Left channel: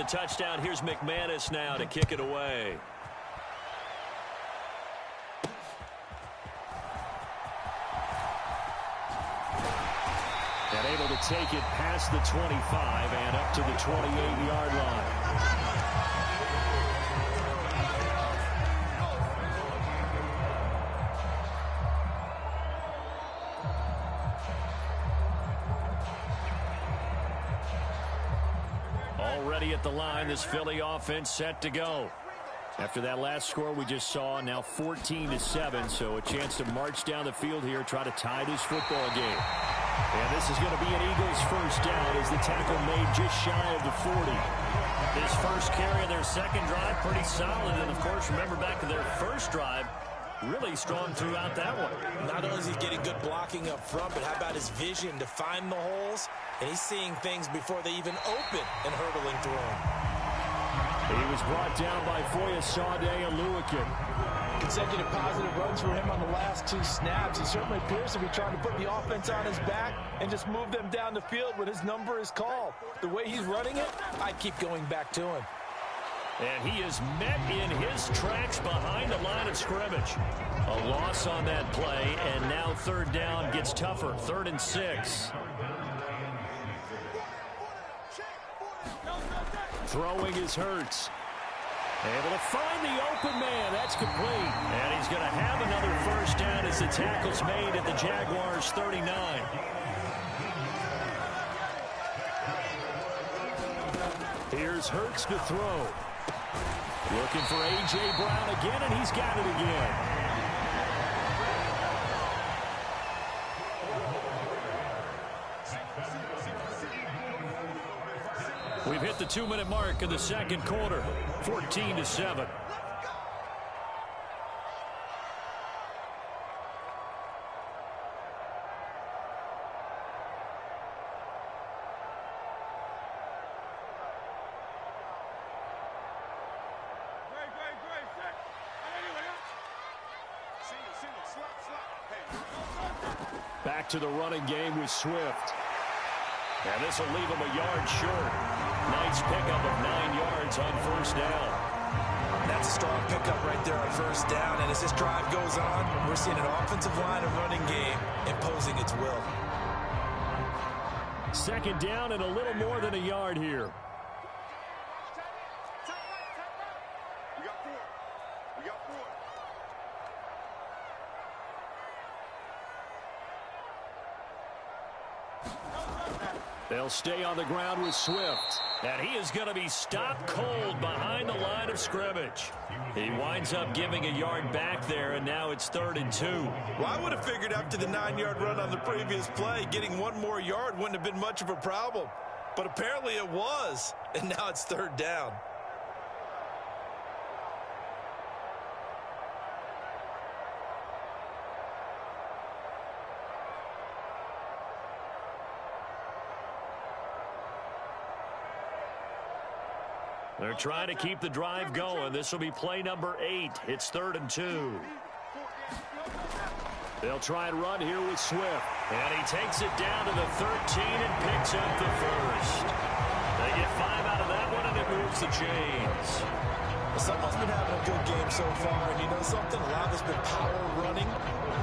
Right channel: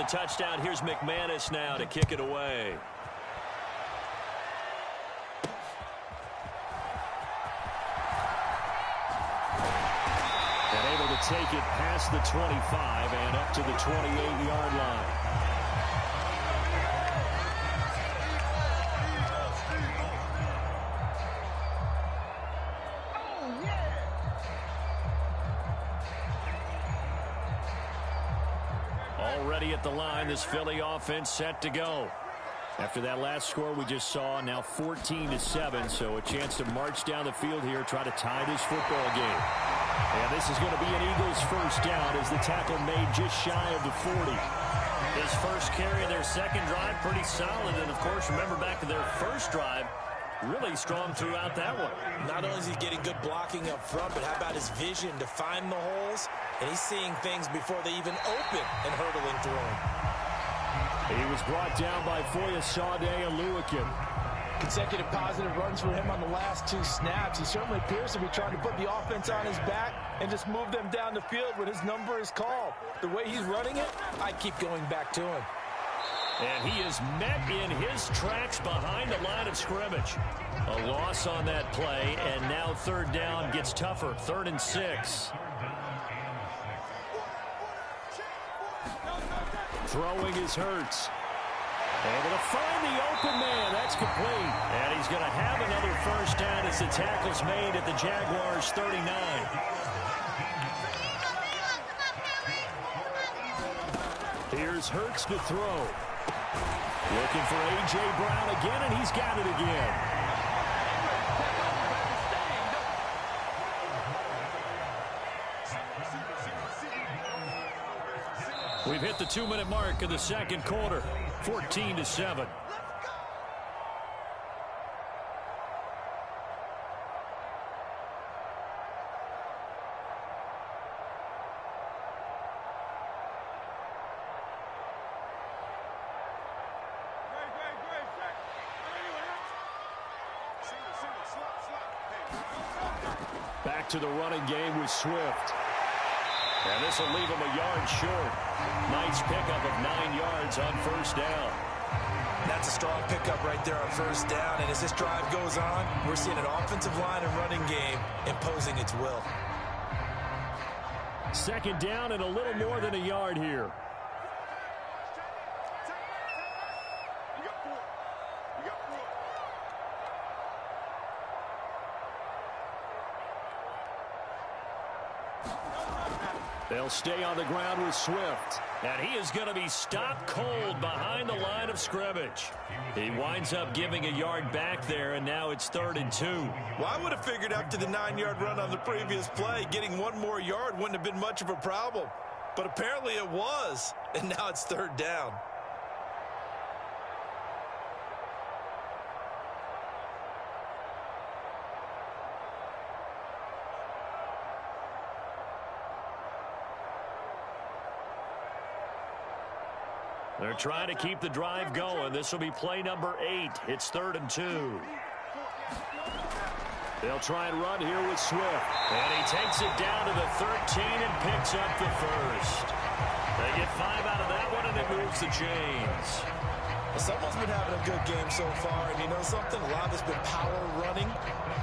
the touchdown. Here's McManus now to kick it away. And able to take it past the 25 and up to the 28-yard line. Already at the line, this Philly offense set to go. After that last score we just saw, now 14-7, so a chance to march down the field here, try to tie this football game. And this is going to be an Eagles first down as the tackle made just shy of the 40. His first carry of their second drive, pretty solid. And, of course, remember back to their first drive, really strong throughout that one. Not only is he getting good blocking up front, but how about his vision to find the holes? And he's seeing things before they even open and hurdling through them. He was brought down by Foyesade Oluwakin. Consecutive positive runs for him on the last 2 snaps. He certainly appears to be trying to put the offense on his back and just move them down the field when his number is called. The way he's running it, I keep going back to him. And he is met in his tracks behind the line of scrimmage. A loss on that play, and now third down gets tougher. 3rd and 6. Throwing is Hurts. Able to find the open man. That's complete. And he's going to have another first down as the tackle's made at the Jaguars' 39. Here's Hurts to throw. Looking for A.J. Brown again, and he's got it again. We've hit the 2-minute mark in the second quarter. 14-7. Back to the running game with Swift. And this will leave him a yard short. Nice pickup of 9 yards on first down. That's a strong pickup right there on first down. And as this drive goes on, we're seeing an offensive line and running game imposing its will. Second down and a little more than a yard here. They'll stay on the ground with Swift. And he is going to be stopped cold behind the line of scrimmage. He winds up giving a yard back there, and now it's 3rd and 2. Well, I would have figured after the 9-yard run on the previous play, getting 1 more yard wouldn't have been much of a problem. But apparently it was, and now it's 3rd down. They're trying to keep the drive going. This will be play number 8. It's 3rd and 2. They'll try and run here with Swift. And he takes it down to the 13 and picks up the first. They get 5 out of that one, and it moves the chains. Well, someone's been having a good game so far, and you know something? A lot of it's been power running.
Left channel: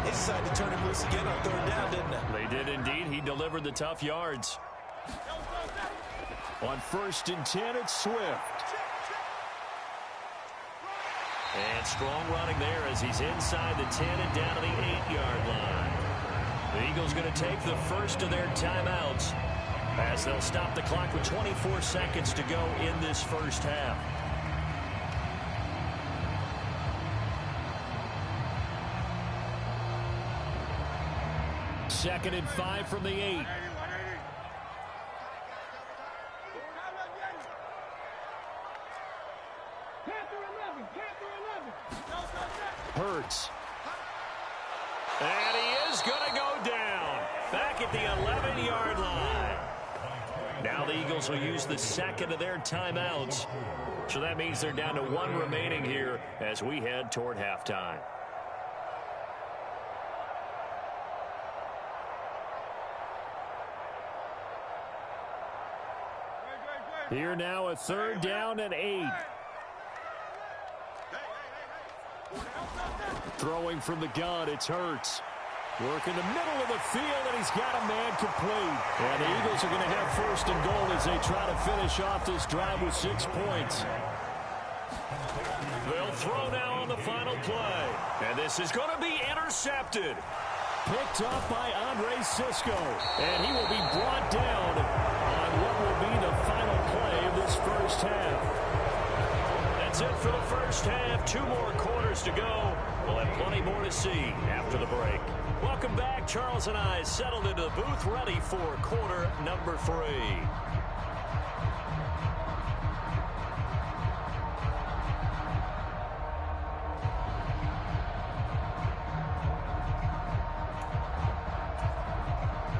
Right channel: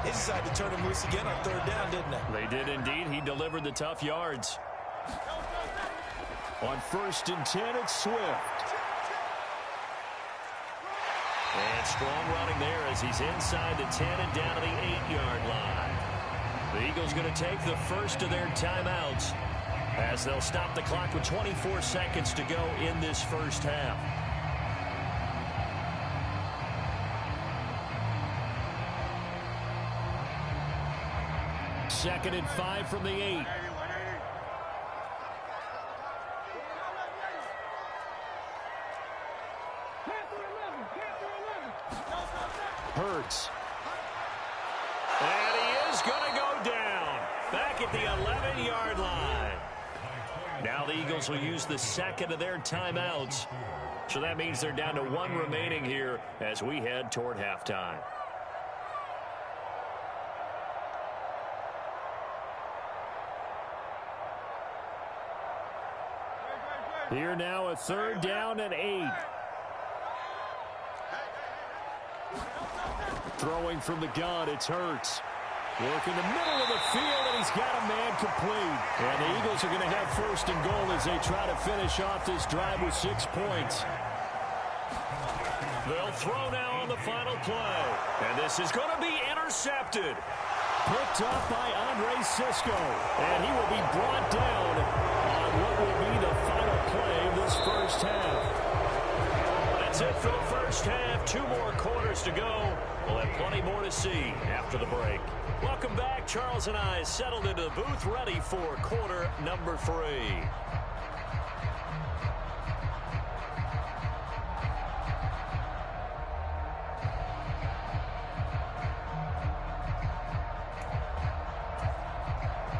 They decided to turn him loose again on 3rd down, didn't they? They did indeed. He delivered the tough yards. On 1st and 10, it's Swift. And strong running there as he's inside the 10 and down to the 8-yard line. The Eagles going to take the first of their timeouts as they'll stop the clock with 24 seconds to go in this first half. Second and 5 from the 8. Hurts. And he is going to go down. Back at the 11-yard line. Now the Eagles will use the second of their timeouts. So that means they're down to 1 remaining here as we head toward halftime. Here now, a 3rd down and 8. Throwing from the gun, it's Hurts. Work in the middle of the field, and he's got a man complete. And the Eagles are going to have 1st and goal as they try to finish off this drive with 6 points. They'll throw now on the final play. And this is going to be intercepted. Picked up by Andre Cisco. And he will be brought down on what will be the final play of this first half. That's it for the first half. 2 more quarters to go. We'll have plenty more to see after the break. Welcome back. Charles and I settled into the booth, ready for quarter number 3.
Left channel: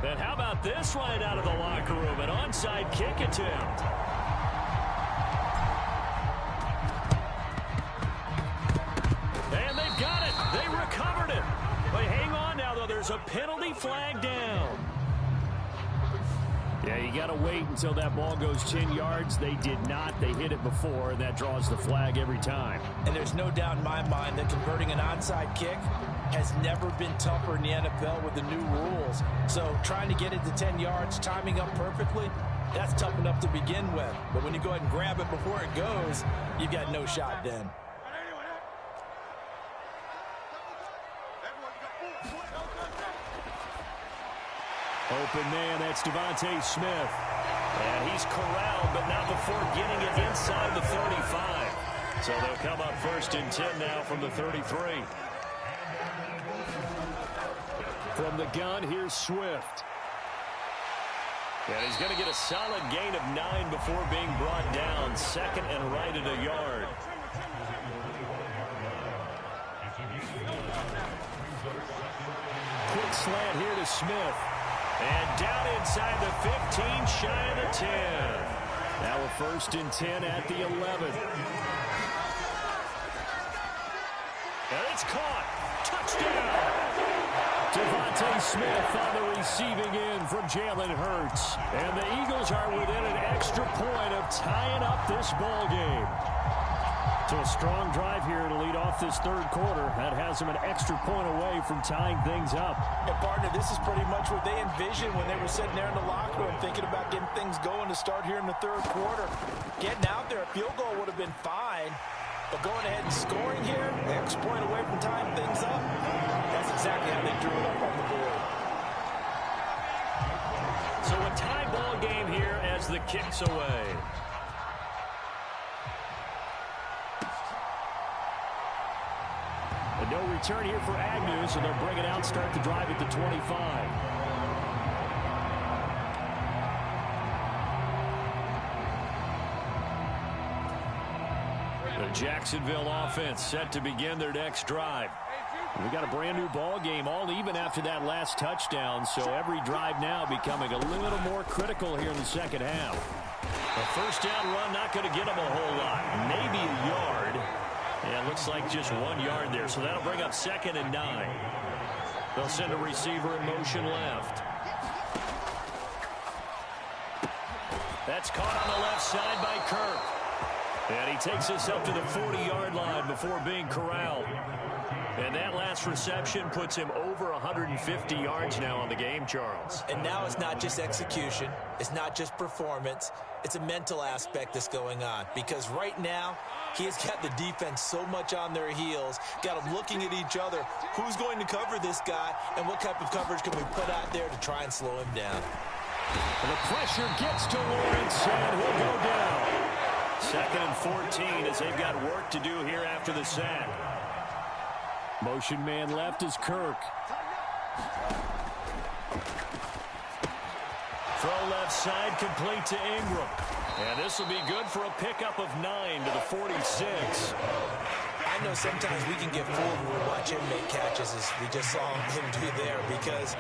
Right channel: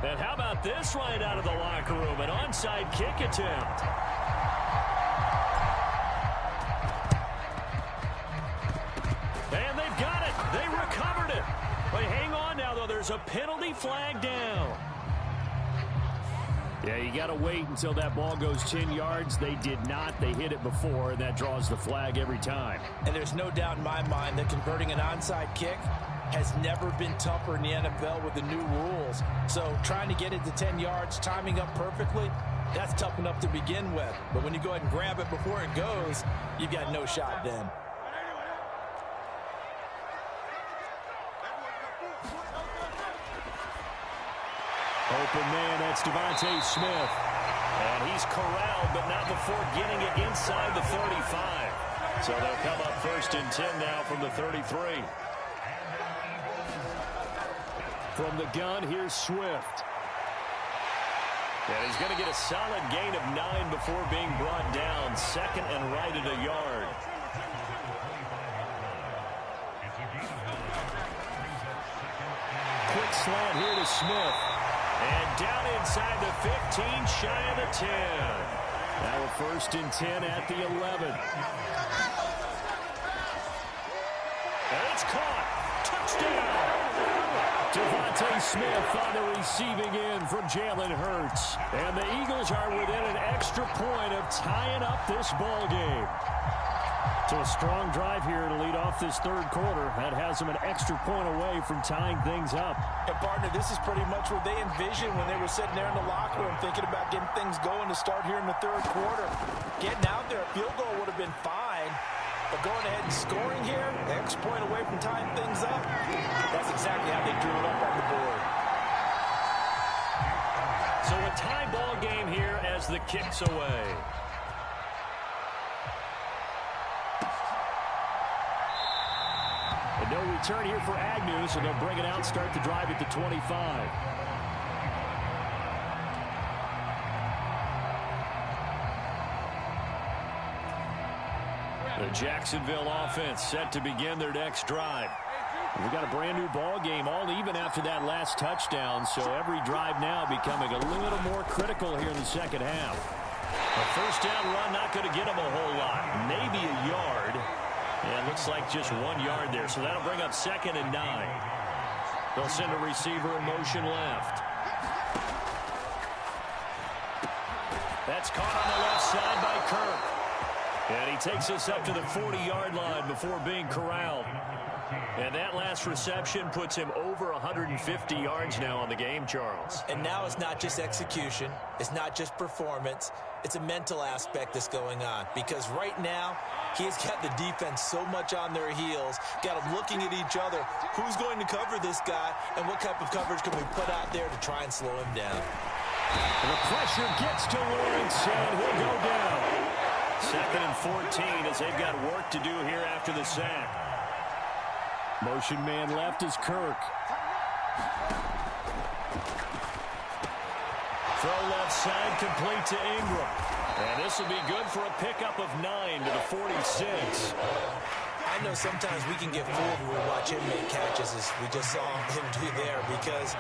And how about this right out of the locker room? An onside kick attempt. And they've got it. They recovered it. But hang on now, though. There's a penalty flag down. Yeah, you got to wait until that ball goes 10 yards. They did not. They hit it before, and that draws the flag every time. And there's no doubt in my mind that converting an onside kick has never been tougher in the NFL with the new rules. So trying to get it to 10 yards, timing up perfectly, that's tough enough to begin with. But when you go ahead and grab it before it goes, you've got no shot then. Open man, that's Devontae Smith. And he's corralled, but not before getting it inside the 35. So they'll come up 1st and 10 now from the 33. From the gun, here's Swift. And he's going to get a solid gain of 9 before being brought down. 2nd and right at a yard. Quick slant here to Smith. And down inside the 15, shy of the 10. Now a 1st and 10 at the 11. And it's caught. Touchdown. Devontae Smith on the receiving end from Jalen Hurts. And the Eagles are within an extra point of tying up this ball game. So a strong drive here to lead off this 3rd quarter. That has them an extra point away from tying things up. And, partner, this is pretty much what they envisioned when they were sitting there in the locker room thinking about getting things going to start here in the 3rd quarter. Getting out there, a field goal would have been fine. But going ahead and scoring here, extra point away from tying things up, that's exactly how they drew it up on the board. So a tie ball game here as the kick's away. And no return here for Agnew, so they'll bring it out, start the drive at the 25. The Jacksonville offense set to begin their next drive. We got a brand new ball game, all even after that last touchdown, so every drive now becoming a little more critical here in the 2nd half. A 1st down run not going to get them a whole lot, maybe a yard. And it looks like just 1 yard there, so that'll bring up 2nd and 9. They'll send a receiver in motion left. That's caught on the left side by Kirk. And he takes us up to the 40-yard line before being corralled. And that last reception puts him over 150 yards now on the game, Charles. And now it's not just execution. It's not just performance. It's a mental aspect that's going on. Because right now, he has got the defense so much on their heels, got them looking at each other. Who's going to cover this guy, and what type of coverage can we put out there to try and slow him down? And the pressure gets to Lawrence, and he'll go down. 2nd and 14 as they've got work to do here after the sack. Motion man left is Kirk. Throw left side complete to Ingram. And this will be good for a pickup of 9 to the 46. I know sometimes we can get fooled when we watch him make catches as we just saw him do there because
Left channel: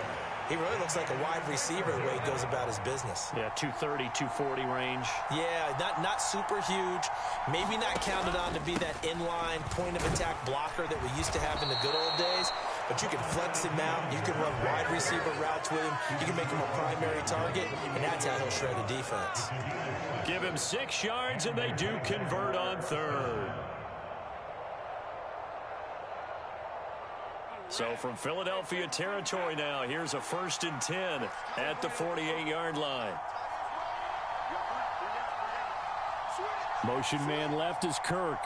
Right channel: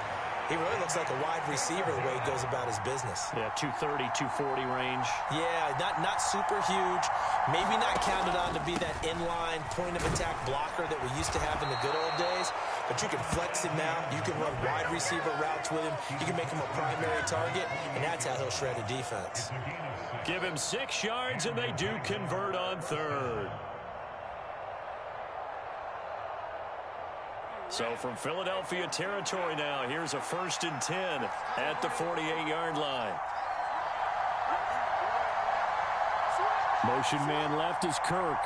he really looks like a wide receiver the way he goes about his business. Yeah, 230, 240 range. Yeah, not super huge. Maybe not counted on to be that inline point-of-attack blocker that we used to have in the good old days. but you can flex him out. You can run wide receiver routes with him. You can make him a primary target, and that's how he'll shred a defense. Give him 6 yards, and they do convert on third. So from Philadelphia territory now, here's a 1st and 10 at the 48-yard line. Motion man left is Kirk.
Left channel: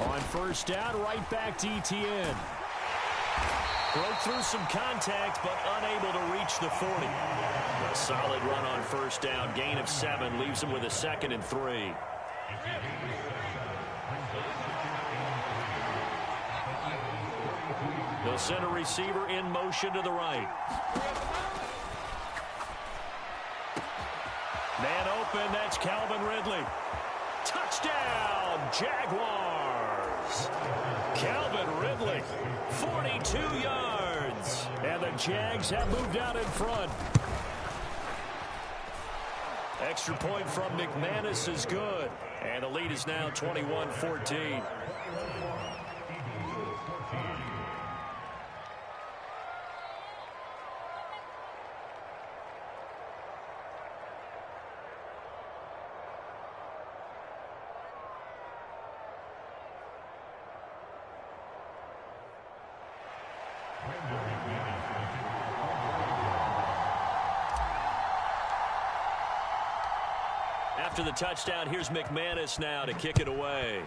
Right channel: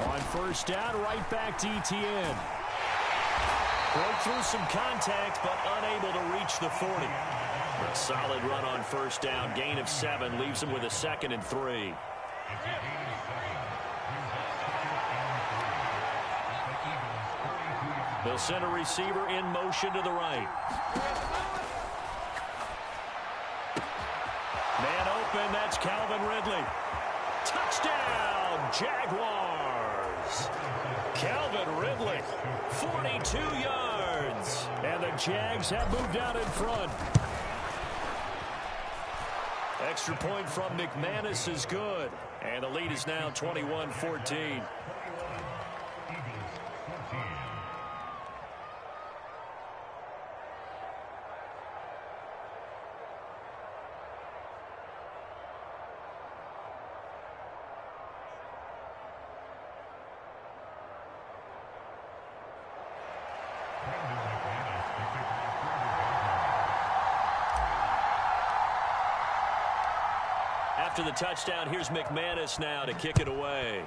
On 1st down, right back to Etienne. Broke through some contact, but unable to reach the 40. A solid run on 1st down. Gain of 7 leaves him with a 2nd and 3. They'll send a receiver in motion to the right. Man open, that's Calvin Ridley. Touchdown, Jaguars. Calvin Ridley, 42 yards. And the Jags have moved out in front. Extra point from McManus is good. And the lead is now 21-14. After the touchdown, here's McManus now to kick it away.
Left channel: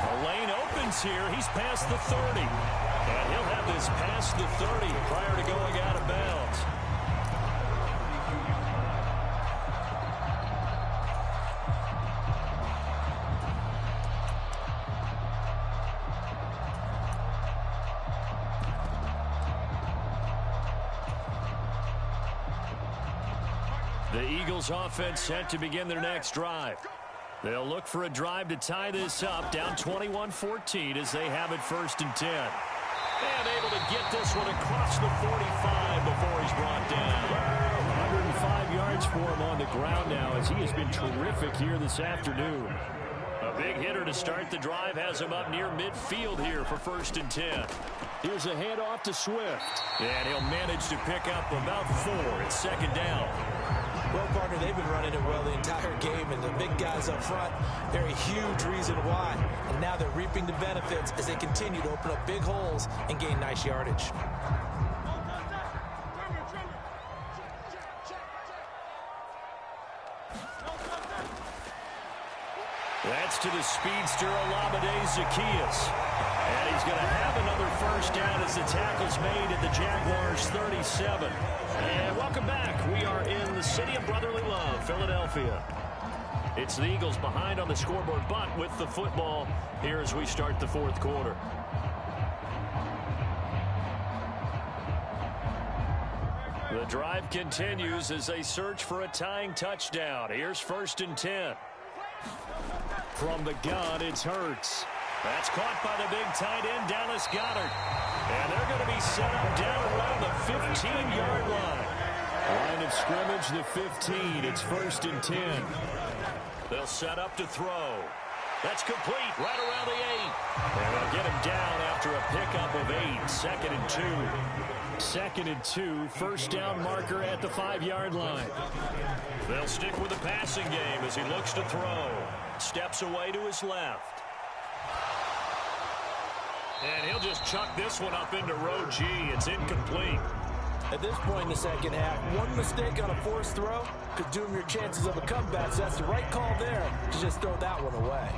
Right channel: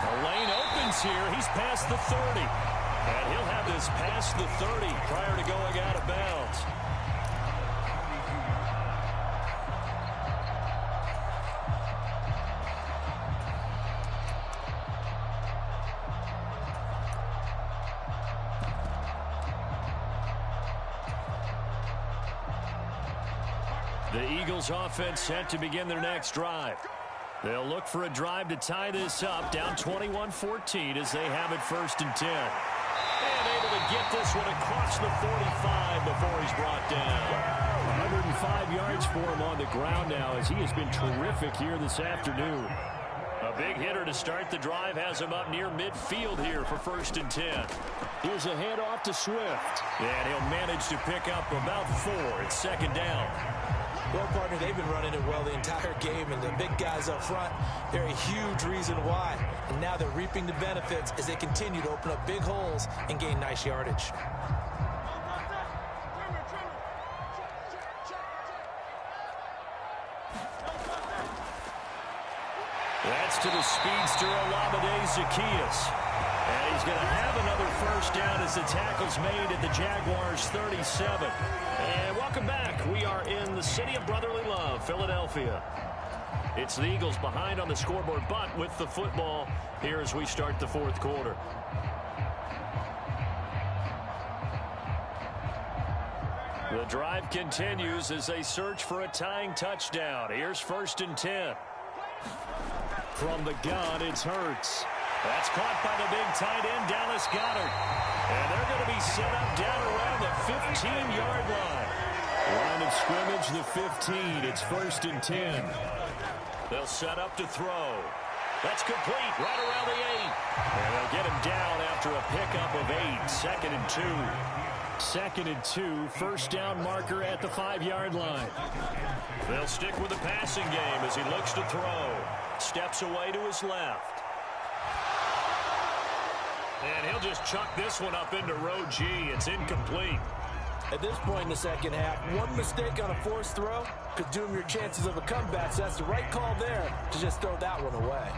The lane opens here. He's past the 30. And he'll have this past the 30 prior to going out of bounds. The Eagles offense set to begin their next drive. They'll look for a drive to tie this up, down 21-14 as they have it 1st and 10. And able to get this one across the 45 before he's brought down. 105 yards for him on the ground now as he has been terrific here this afternoon. A big hitter to start the drive has him up near midfield here for 1st and 10. Here's a handoff to Swift. And he'll manage to pick up about 4 at 2nd down. Well, partner, they've been running it well the entire game, and the big guys up front, they're a huge reason why. And now they're reaping the benefits as they continue to open up big holes and gain nice yardage. That's to the speedster, Olamide Zaccheaus. And he's going to have another 1st down as the tackle's made at the Jaguars' 37. And welcome back. We are in the city of brotherly love, Philadelphia. It's the Eagles behind on the scoreboard, but with the football here as we start the 4th quarter. The drive continues as they search for a tying touchdown. Here's 1st and 10. From the gun, it's Hurts. That's caught by the big tight end, Dallas Goedert. And they're going to be set up down around the 15-yard line. Line of scrimmage, the 15. It's 1st and 10. They'll set up to throw. That's complete right around the 8. And they'll get him down after a pickup of 8. 2nd and 2. 2nd and 2. 1st down marker at the 5-yard line. They'll stick with the passing game as he looks to throw. Steps away to his left. And he'll just chuck this one up into row G. It's incomplete. At this point in the second half, one mistake on a forced throw could doom your chances of a comeback. So that's the right call there to just throw that one away.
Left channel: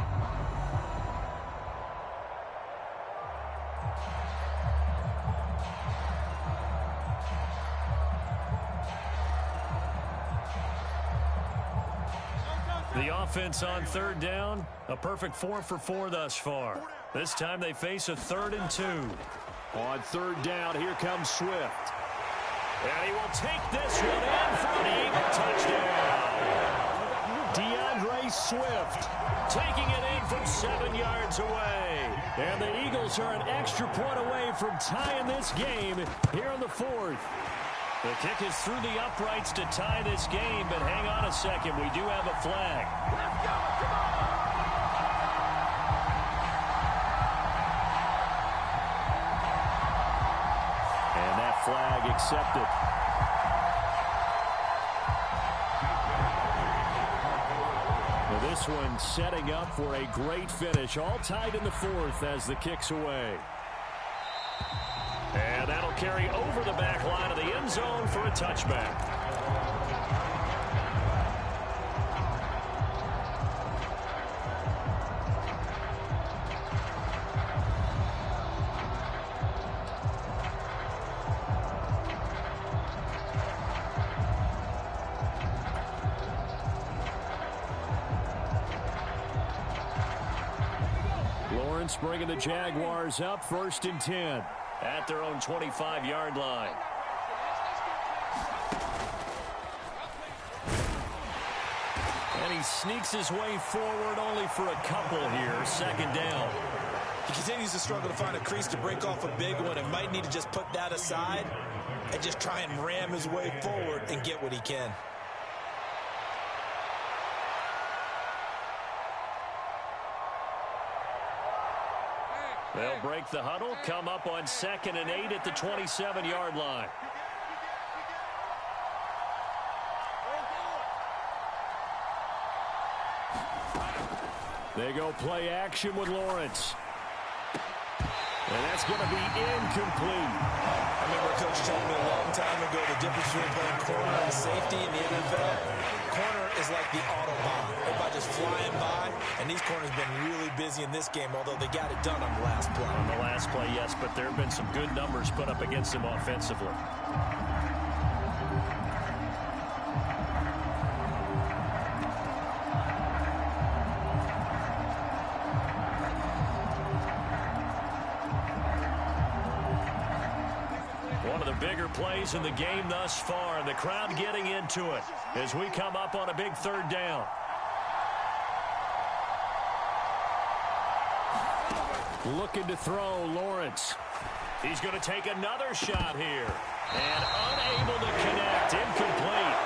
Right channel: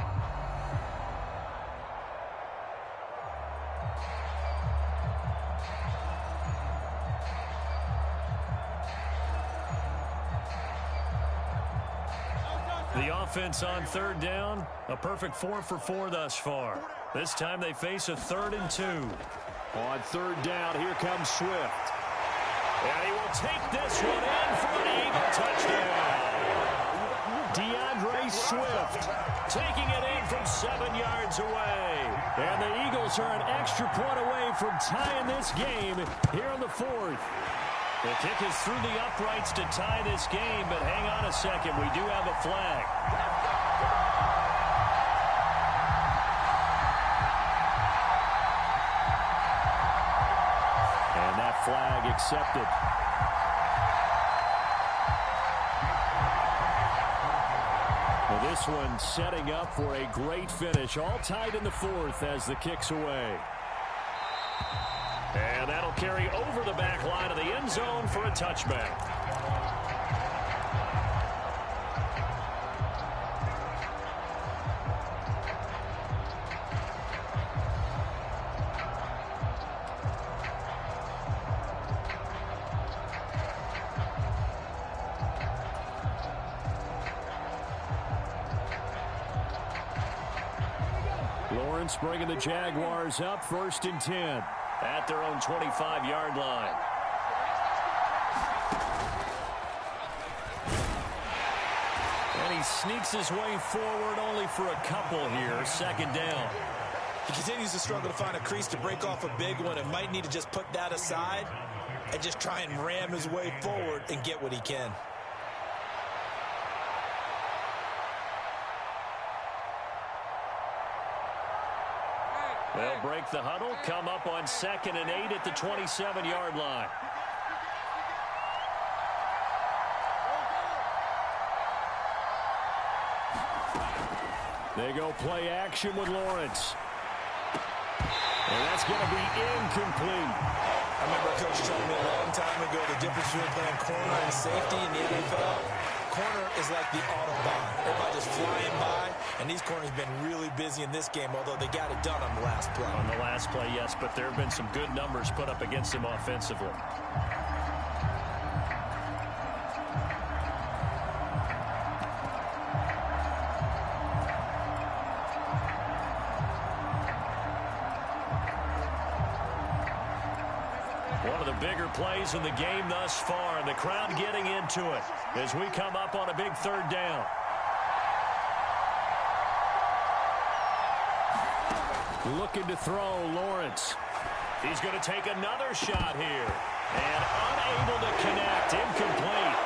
The offense on 3rd down, a perfect 4 for 4 thus far. This time they face a 3rd and 2. On 3rd down, here comes Swift. And he will take this one in for an Eagle touchdown. DeAndre Swift taking it in from 7 yards away. And the Eagles are an extra point away from tying this game here in the 4th. The kick is through the uprights to tie this game, but hang on a second. We do have a flag. Let's go. Come on. And that flag accepted. Now this one setting up for a great finish. All tied in the fourth as the kick's away. And that'll carry over the back line of the end zone for a touchback. Lawrence bringing the Jaguars up 1st and 10 at their own 25-yard line. And he sneaks his way forward only for a couple here. 2nd down. He continues to struggle to find a crease to break off a big one and might need to just put that aside and just try and ram his way forward and get what he can. They'll break the huddle, come up on 2nd and 8 at the 27-yard line. They go play action with Lawrence. And that's going to be incomplete. I remember a coach telling me a long time ago the difference between playing corner and safety in the NFL. Corner is like the Autobahn. Everybody just flying by, and these corners have been really busy in this game, although they got it done on the last play. On the last play, yes, but there have been some good numbers put up against them offensively. One of the bigger plays in the game thus far, and the crowd getting into it as we come up on a big 3rd down. Looking to throw, Lawrence. He's going to take another shot here. And unable to connect, incomplete.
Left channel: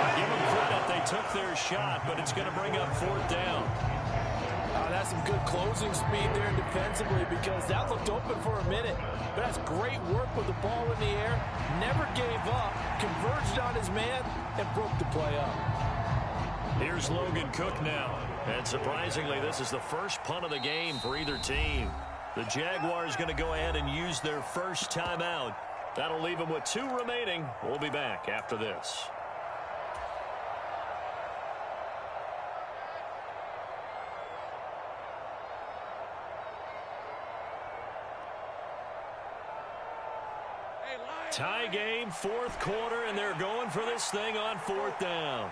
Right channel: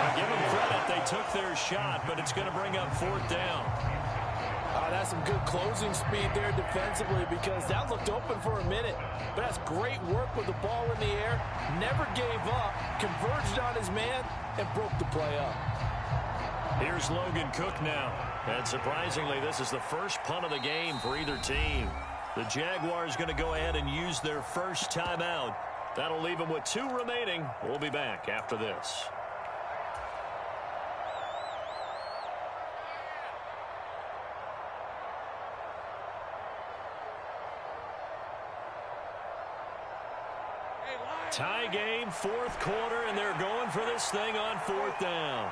I give them credit, they took their shot, but it's going to bring up 4th down. That's some good closing speed there defensively because that looked open for a minute. But that's great work with the ball in the air. Never gave up, converged on his man, and broke the play up. Here's Logan Cook now. And surprisingly, this is the first punt of the game for either team. The Jaguars going to go ahead and use their first timeout. That'll leave them with 2 remaining. We'll be back after this. Tie game, 4th quarter, and they're going for this thing on 4th down.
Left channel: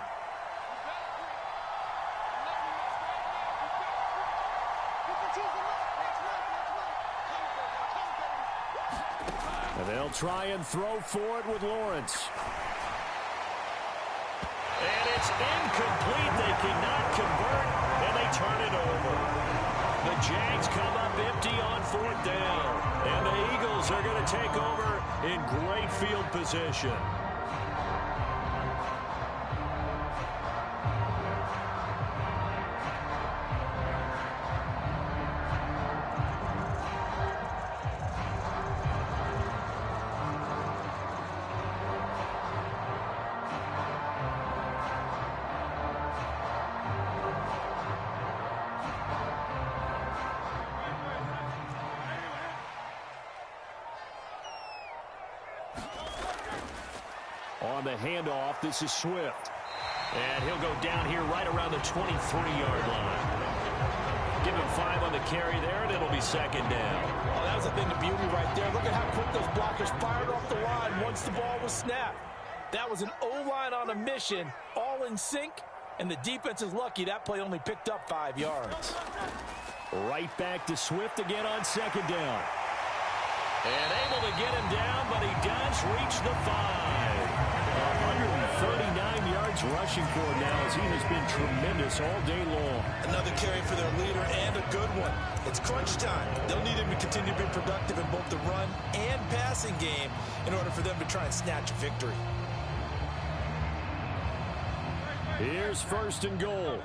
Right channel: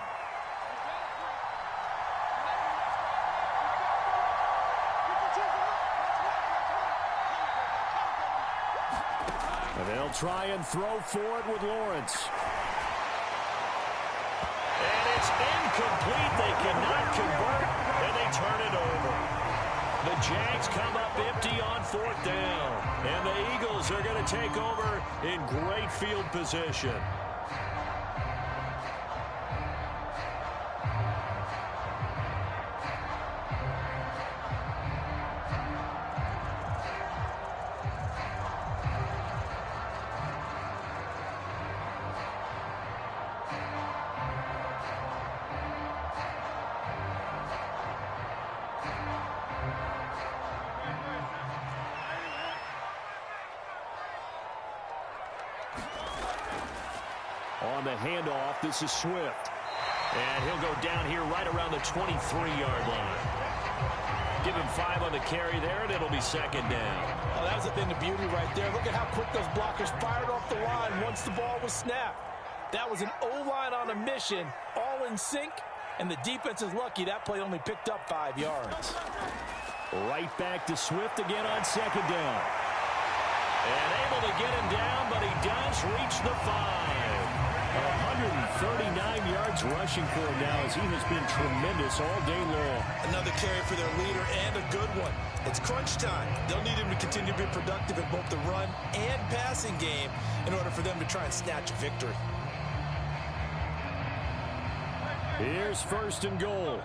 And they'll try and throw for it with Lawrence. And it's incomplete. They cannot convert, and they turn it over. The Jags come up empty on 4th down. And the Eagles are going to take over in great field position. On the handoff, this is Swift. And he'll go down here right around the 23-yard line. Give him 5 on the carry there, and it'll be 2nd down. Oh, that was a thing of beauty right there. Look at how quick those blockers fired off the line once the ball was snapped. That was an O-line on a mission, all in sync, and the defense is lucky that play only picked up 5 yards. Right back to Swift again on 2nd down. And able to get him down, but he does reach the 5. 139 yards rushing for him now as he has been tremendous all day long. Another carry for their leader and a good one. It's crunch time. They'll need him to continue to be productive in both the run and passing game in order for them to try and snatch a victory. Here's first and goal.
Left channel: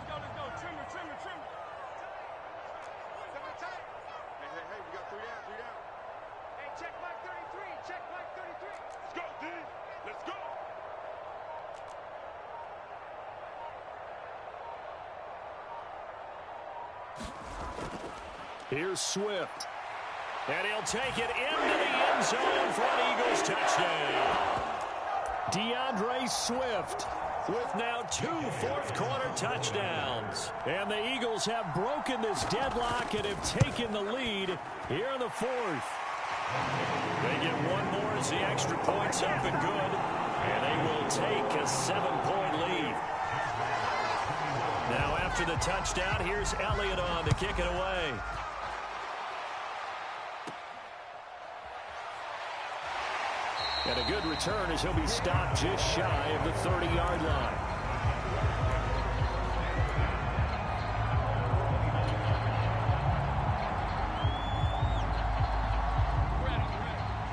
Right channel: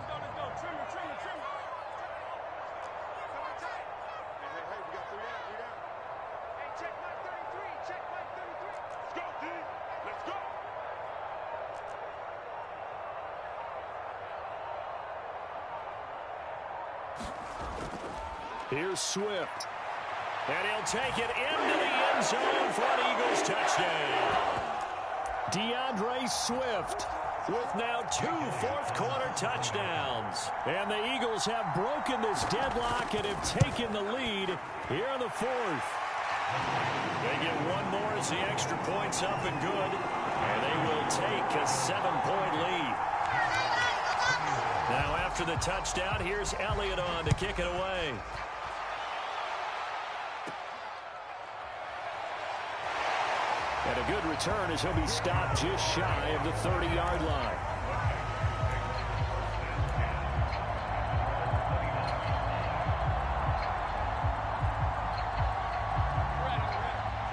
Here's Swift. And he'll take it into the end zone for an Eagles touchdown. DeAndre Swift with now 2 fourth-quarter touchdowns. And the Eagles have broken this deadlock and have taken the lead here in the fourth. They get one more as the extra point's up and good. And they will take a 7-point lead. Now after the touchdown, here's Elliott on to kick it away. And a good return as he'll be stopped just shy of the 30-yard line.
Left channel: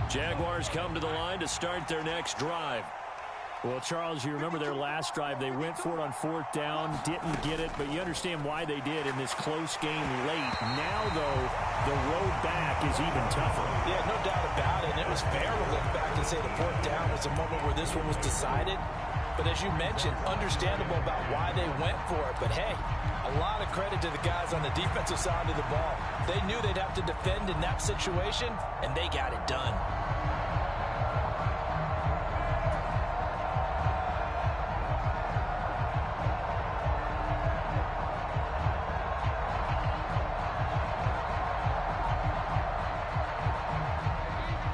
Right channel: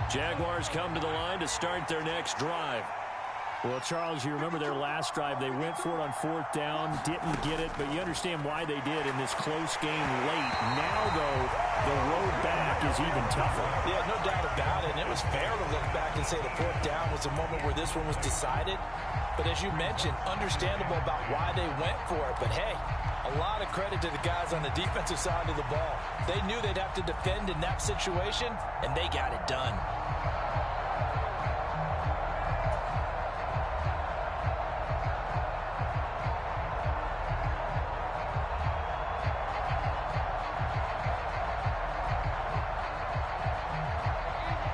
Jaguars come to the line to start their next drive. Well, Charles, you remember their last drive. They went for it on 4th down, didn't get it, but you understand why they did in this close game late. Now, though, the road back is even tougher. Yeah, no doubt about it. And it was fair to look back and say the 4th down was the moment where this one was decided. But as you mentioned, understandable about why they went for it. But, hey, a lot of credit to the guys on the defensive side of the ball. They knew they'd have to defend in that situation, and they got it done.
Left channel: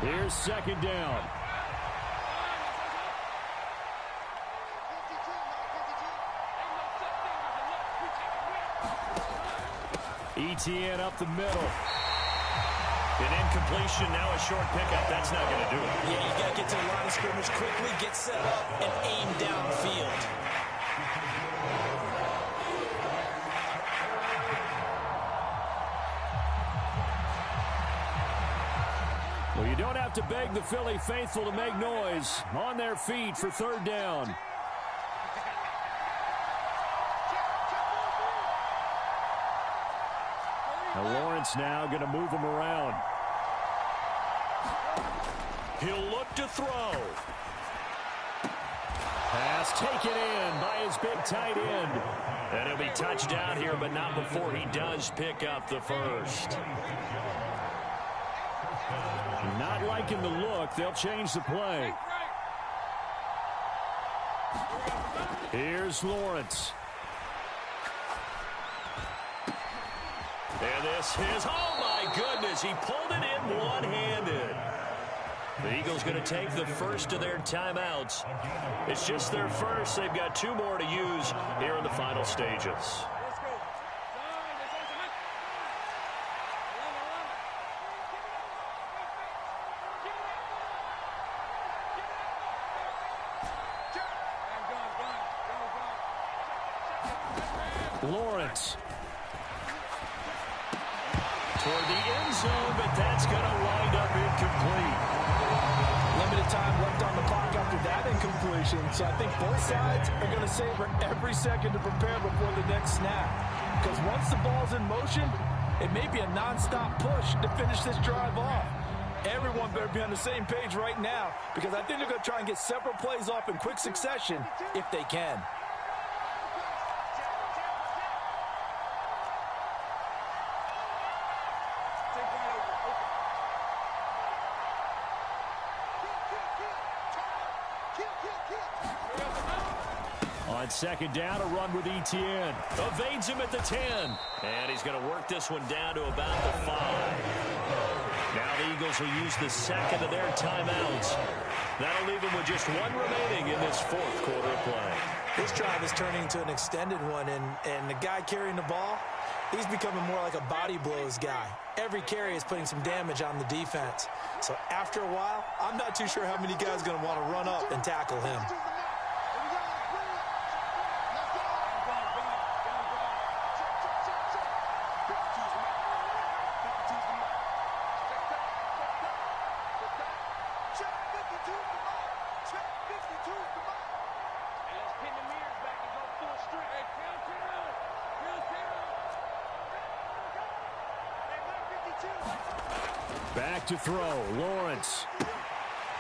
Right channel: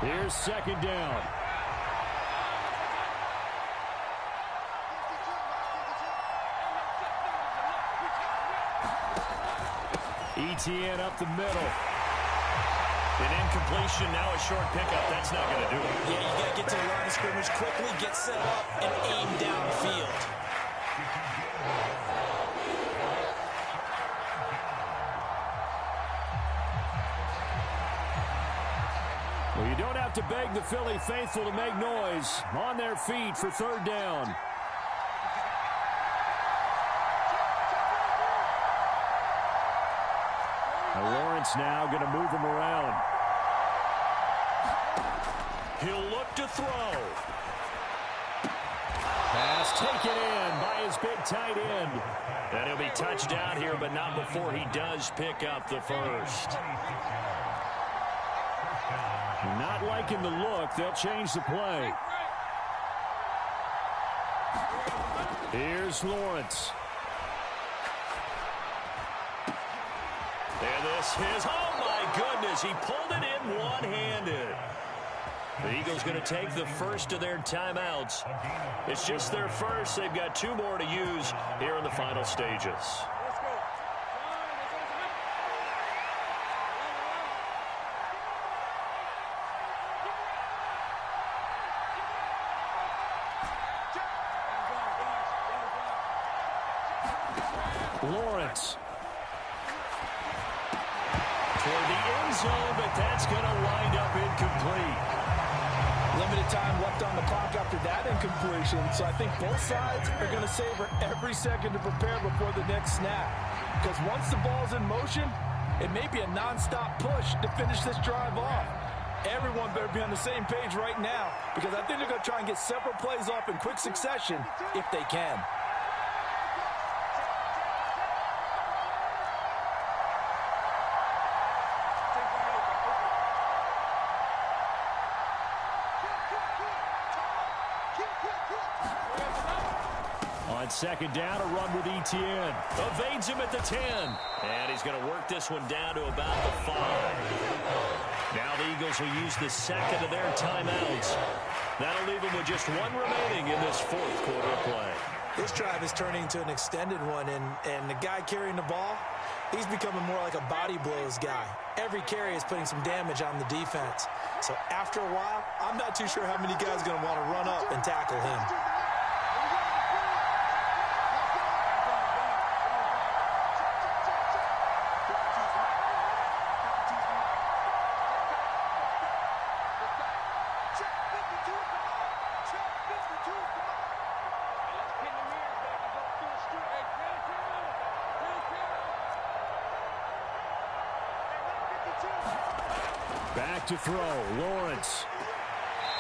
Here's second down. ETN up the middle. An incompletion, now a short pickup. That's not going to do it. Yeah, you got to get to the line of scrimmage quickly, get set up, and aim downfield. Well, you don't have to beg the Philly faithful to make noise. On their feet for 3rd down. Now Lawrence now going to move him around. He'll look to throw. Pass taken in by his big tight end. And he'll be touched down here, but not before he does pick up the first. Not liking the look. They'll change the play. Here's Lawrence. And this is, oh my goodness, he pulled it in one-handed. The Eagles going to take the first of their timeouts. It's just their first. They've got 2 more to use here in the final stages. Lawrence. Toward the end zone, but that's going to wind up incomplete. Limited time left on the clock after that incompletion, so I think both sides are going to savor every second to prepare before the next snap. Because once the ball's in motion, it may be a nonstop push to finish this drive off. Everyone better be on the same page right now, because I think they're going to try and get several plays off in quick succession if they can. On 2nd down, a run with ETN. Evades him at the 10. And he's going to work this one down to about the 5. Now the Eagles will use the second of their timeouts. That'll leave them with just 1 remaining in this 4th quarter of play. This drive is turning into an extended one, and the guy carrying the ball, he's becoming more like a body blows guy. Every carry is putting some damage on the defense. So after a while, I'm not too sure how many guys are going to want to run up and tackle him. Back to throw, Lawrence.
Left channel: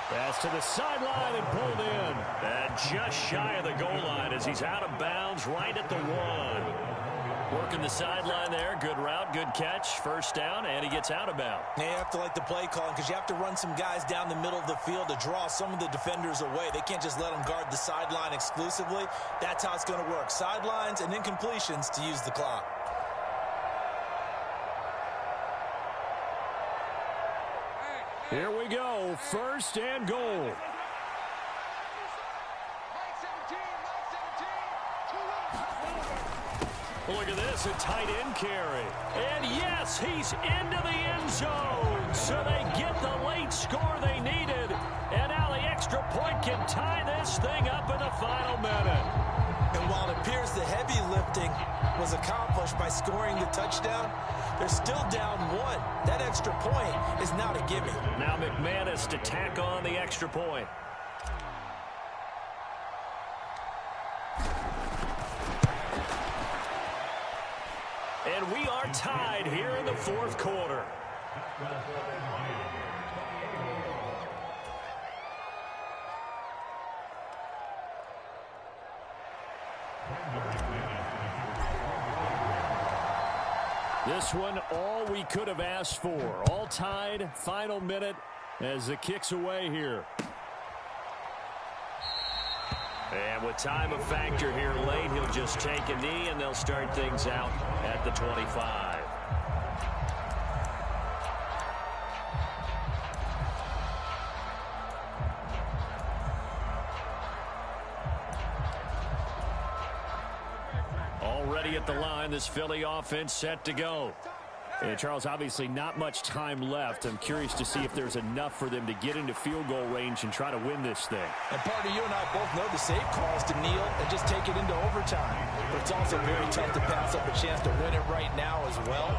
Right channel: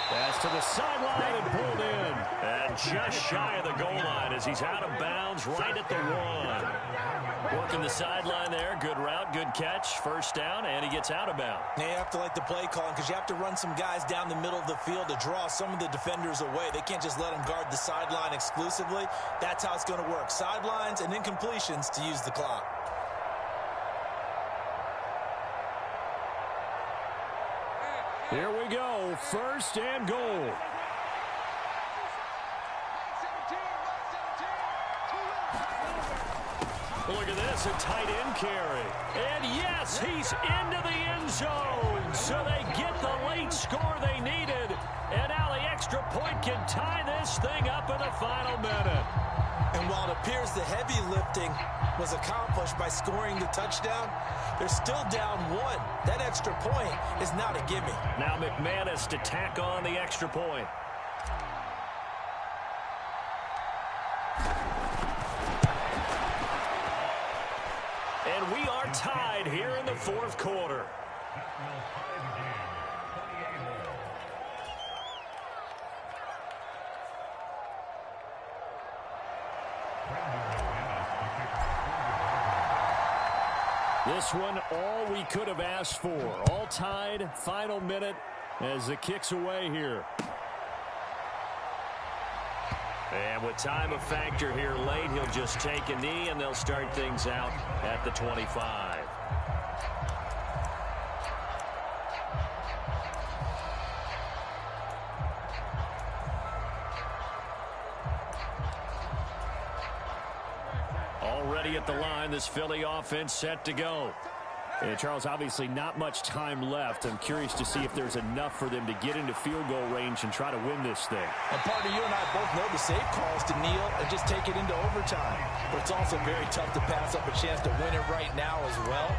Pass to the sideline and pulled in. And just shy of the goal line as he's out of bounds right at the 1. Working the sideline there. Good route, good catch. First down, and he gets out of bounds. You have to like the play calling because you have to run some guys down the middle of the field to draw some of the defenders away. They can't just let them guard the sideline exclusively. That's how it's going to work. Sidelines and incompletions to use the clock. Here we go, first and goal. Look at this, a tight end carry. And yes, he's into the end zone. So they get the late score they needed. And now the extra point can tie this thing up in the final minute. And while it appears the heavy lifting was accomplished by scoring the touchdown, they're still down 1. That extra point is now to gimme. Now McManus to tack on the extra point. And we are tied here in the fourth quarter. This one, all we could have asked for. All tied, final minute as the kick's away here. And with time a factor here late, he'll just take a knee and they'll start things out at the 25. Already at the line, this Philly offense set to go. And Charles, obviously not much time left. I'm curious to see if there's enough for them to get into field goal range and try to win this thing. And partner, you and I both know the safe calls to kneel and just take it into overtime. But it's also very tough to pass up a chance to win it right now as well.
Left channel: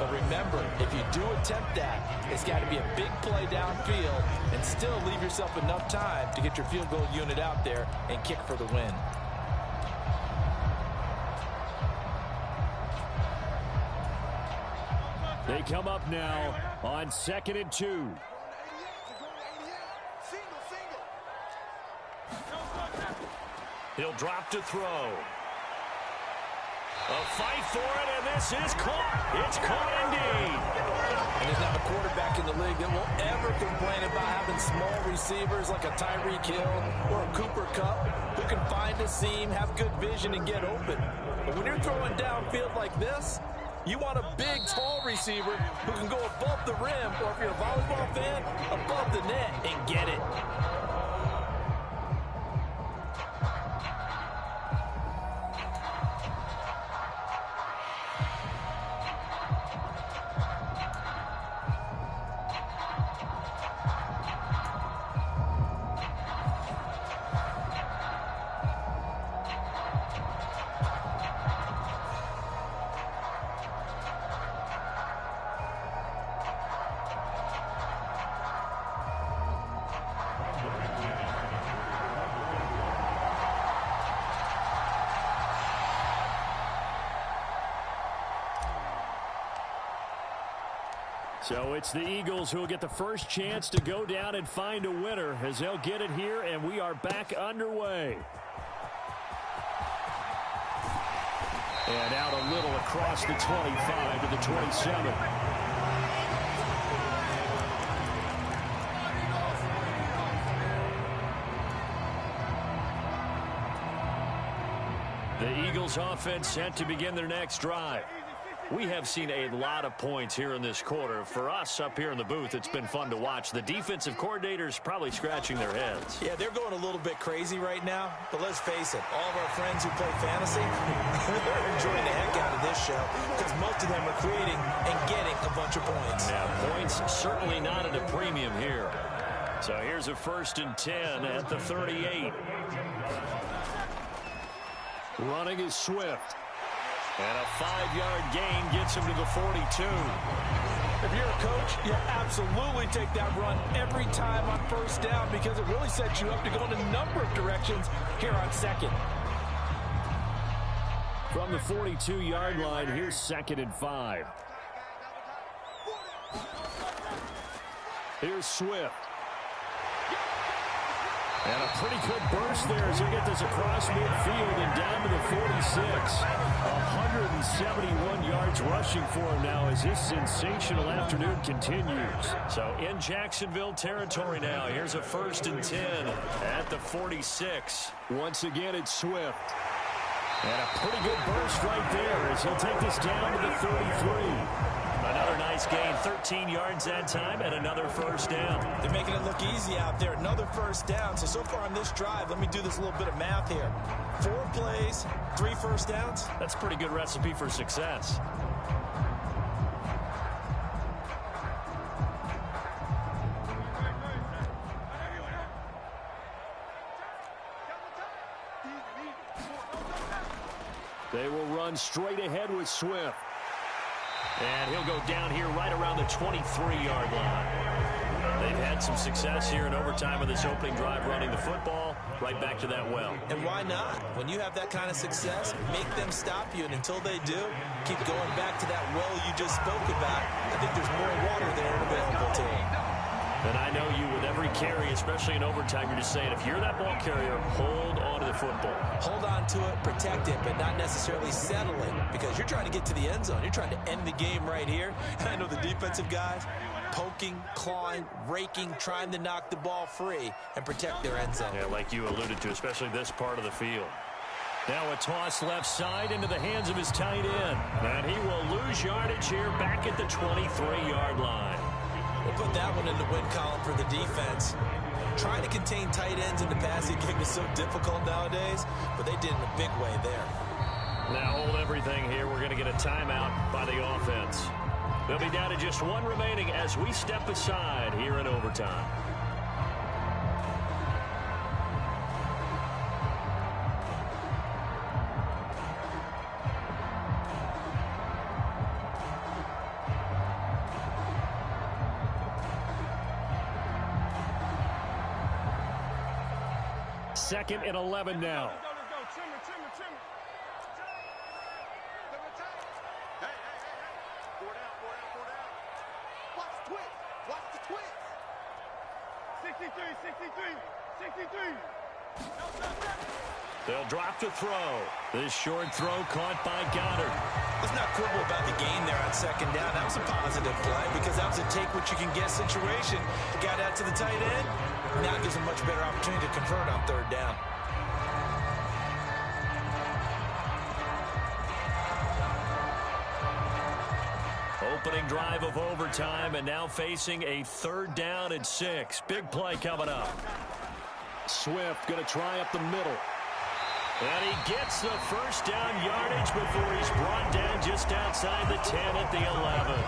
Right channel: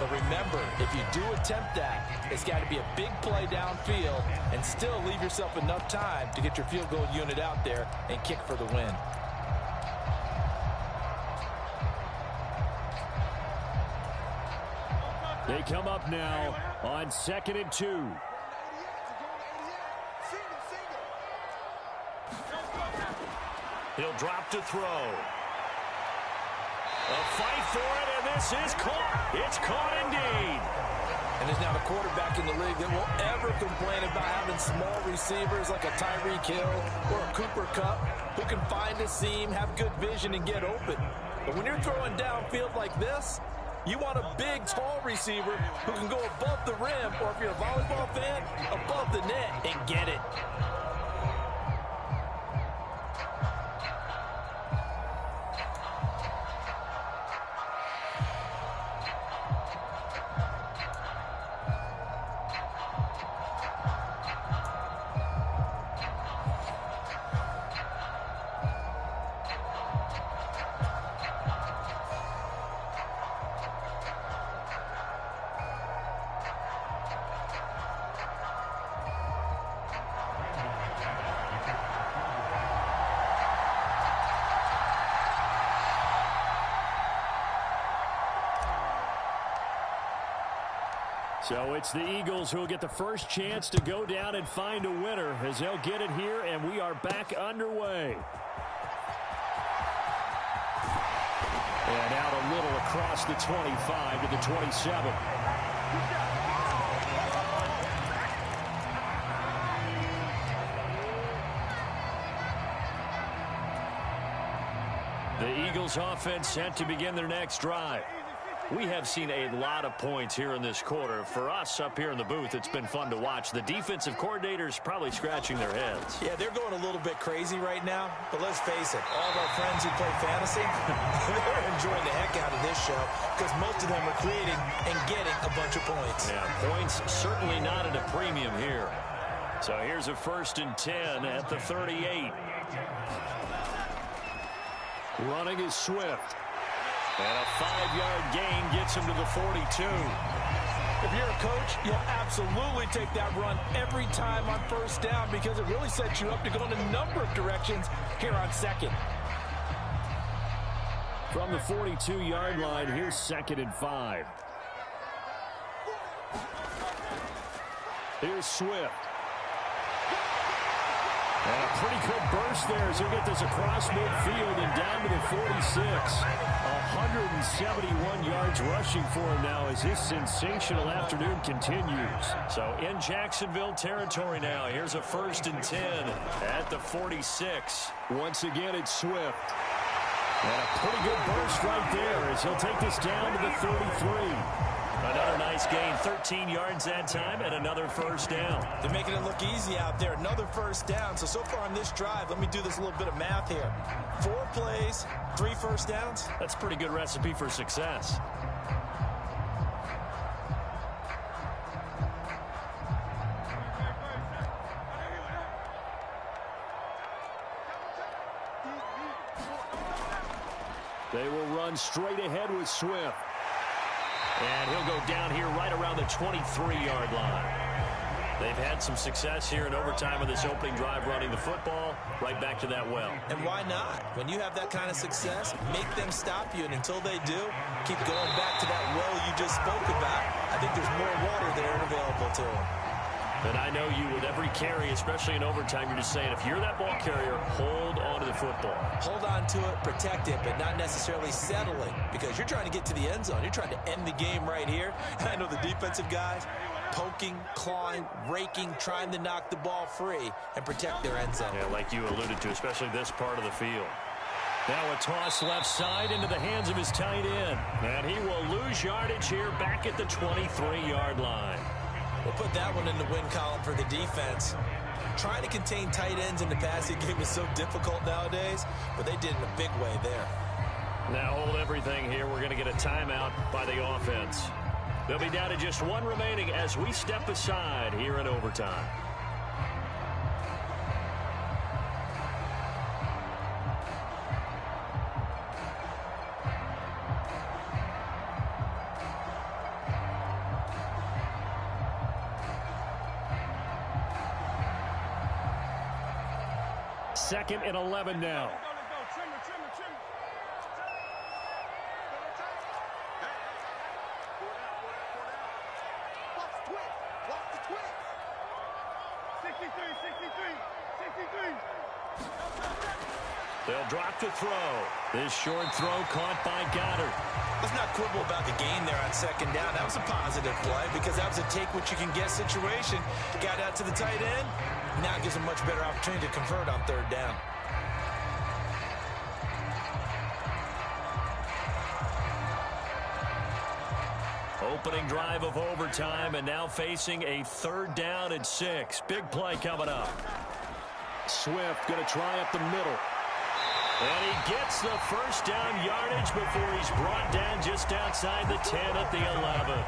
But remember, if you do attempt that, it's got to be a big play downfield and still leave yourself enough time to get your field goal unit out there and kick for the win. They come up now on 2nd and 2. He'll drop to throw. A fight for it, and this is caught. It's caught indeed. And there's not a quarterback in the league that will ever complain about having small receivers like a Tyreek Hill or a Cooper Kupp who can find a seam, have good vision, and get open. But when you're throwing downfield like this, you want a big, tall receiver who can go above the rim, or if you're a volleyball fan, above the net and get it. So it's the Eagles who will get the first chance to go down and find a winner as they'll get it here, and we are back underway. And out a little across the 25 to the 27. The Eagles offense set to begin their next drive. We have seen a lot of points here in this quarter. For us up here in the booth, it's been fun to watch. The defensive coordinators probably scratching their heads. Yeah, they're going a little bit crazy right now. But let's face it, all of our friends who play fantasy, they're enjoying the heck out of this show because most of them are creating and getting a bunch of points. Yeah, points certainly not at a premium here. So here's a 1st and 10 at the 38. Running is Swift. And a 5-yard gain gets him to the 42. If you're a coach, you'll absolutely take that run every time on 1st down because it really sets you up to go in a number of directions here on 2nd. From the 42-yard line, here's 2nd and 5. Here's Swift. And a pretty good burst there as he'll get this across midfield and down to the 46. 171 yards rushing for him now as his sensational afternoon continues. So in Jacksonville territory now. Here's a 1st and 10 at the 46. Once again, it's Swift. And a pretty good burst right there as he'll take this down to the 33. Another nice gain, 13 yards that time, and another 1st down. They're making it look easy out there. Another 1st down. So far on this drive, let me do this little bit of math here. 4 plays, 3 1st downs. That's a pretty good recipe for success. They will run straight ahead with Swift. And he'll go down here right around the 23-yard line. They've had some success here in overtime of this opening drive running the football. Right back to that well. And why not? When you have that kind of success, make them stop you. And until they do, keep going back to that well you just spoke about. I think there's more water there and available to them. And I know you with every carry, especially in overtime, you're just saying if you're that ball carrier, hold on to the football. Hold on to it, protect it, but not necessarily settle it because you're trying to get to the end zone. You're trying to end the game right here. And I know the defensive guys poking, clawing, raking, trying to knock the ball free and protect their end zone. Yeah, like you alluded to, especially this part of the field. Now a toss left side into the hands of his tight end. And he will lose yardage here back at the 23-yard line. We'll put that one in the win column for the defense. Trying to contain tight ends in the passing game is so difficult nowadays, but they did in a big way there. Now hold everything here. We're going to get a timeout by the offense. They'll be down to just 1 remaining as we step aside here in overtime. Second and 11 now. Let's go. Trim it. Hey. Four down. Watch the twist. 63. They'll drop to throw. This short throw caught by Goddard. Let's not quibble about the gain there on 2nd down. That was a positive play because that was a take-what-you-can-get situation. Got out to the tight end. Now it gives a much better opportunity to convert on 3rd down. Opening drive of overtime and now facing a 3rd down and 6. Big play coming up. Swift going to try up the middle. And he gets the 1st down yardage before he's brought down just outside the 10 at the 11.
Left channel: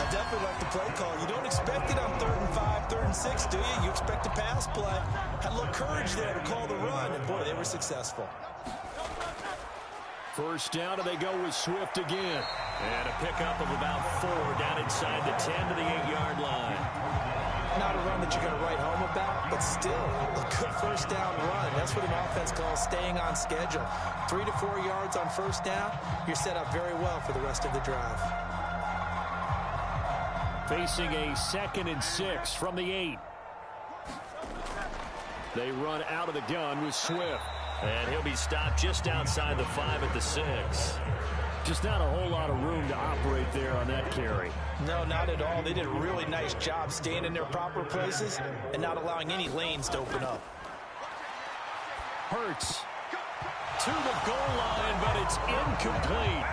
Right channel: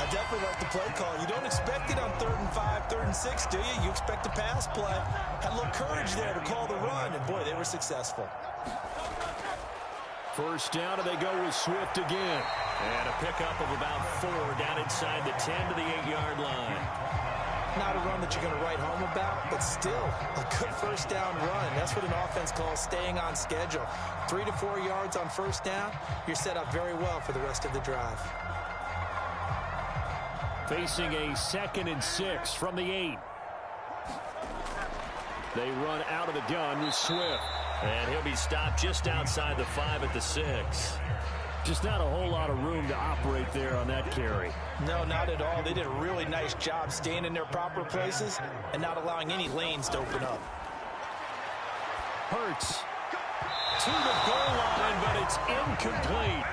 I definitely like the play call. You don't expect it on 3rd and 5, 3rd and 6, do you? You expect a pass play. Had a little courage there to call the run, and boy, they were successful. 1st down, and they go with Swift again. And a pickup of about 4 down inside the 10 to the 8-yard line. Not a run that you're going to write home about, but still a good 1st down run. That's what an offense calls staying on schedule. 3 to 4 yards on 1st down, you're set up very well for the rest of the drive. Facing a 2nd and 6 from the 8. They run out of the gun with Swift. And he'll be stopped just outside the 5 at the 6. Just not a whole lot of room to operate there on that carry. No, not at all. They did a really nice job staying in their proper places and not allowing any lanes to open up. Hurts to the goal line, but it's incomplete.